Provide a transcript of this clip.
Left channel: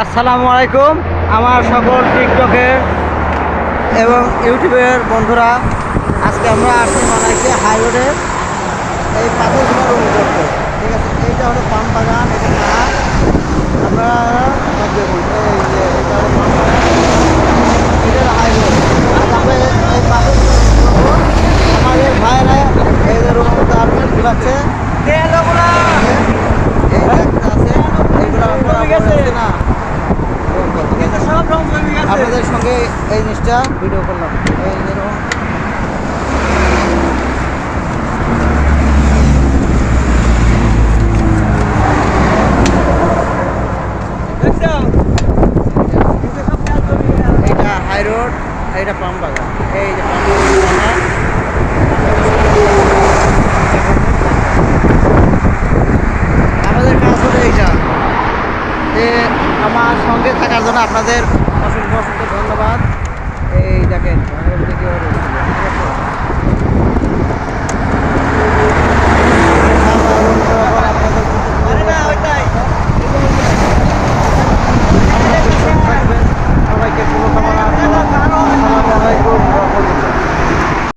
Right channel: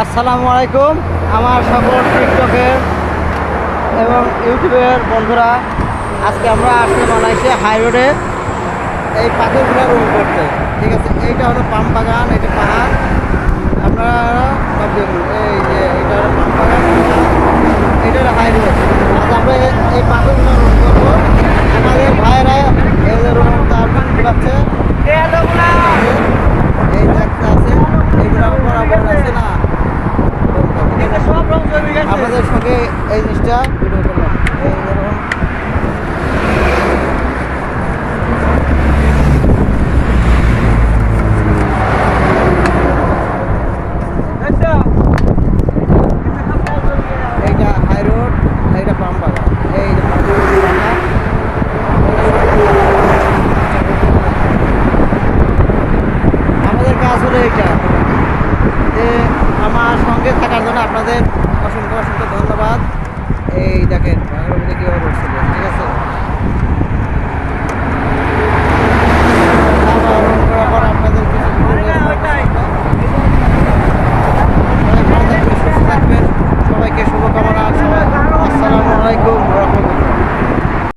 আসসালামু আলাইকুম আমার সকল টিকটকের এবং ইউটিউবের বন্ধুরা। আজকে আমরা আসছি মালয়েশিয়া হাই রোডে এই পাথরগুলো রুম করতে। ঠিক আছে, এইটা হলো পাম বাগান, এটা পাহাড়। আপনারা সব দেখুন, এই যে এইটা হলো পাম বাগান, এটা হলো হাই রোড। আচ্ছা, আমরা এই পাথরগুলো রুম করবো। আমাদের ভাইয়েরা এই যে রুম ঘুরাচ্ছে, এই যে একটা আছে, এইগুলো বরাবর আছে না। আপনাদের সঙ্গে এই জিনিসটা ভিডিও করলাম। এই যেরকম এইটা হাই রোড, এইটা পাম বাগান, এই যে পাম বাগান। আমাদের কাজ হলো এইটা, যে আমার সঙ্গে থাকার জন্য আপনাদের অসংখ্য অসংখ্য ধন্যবাদ। এই দেখেন কীভাবে ঠিক আছে।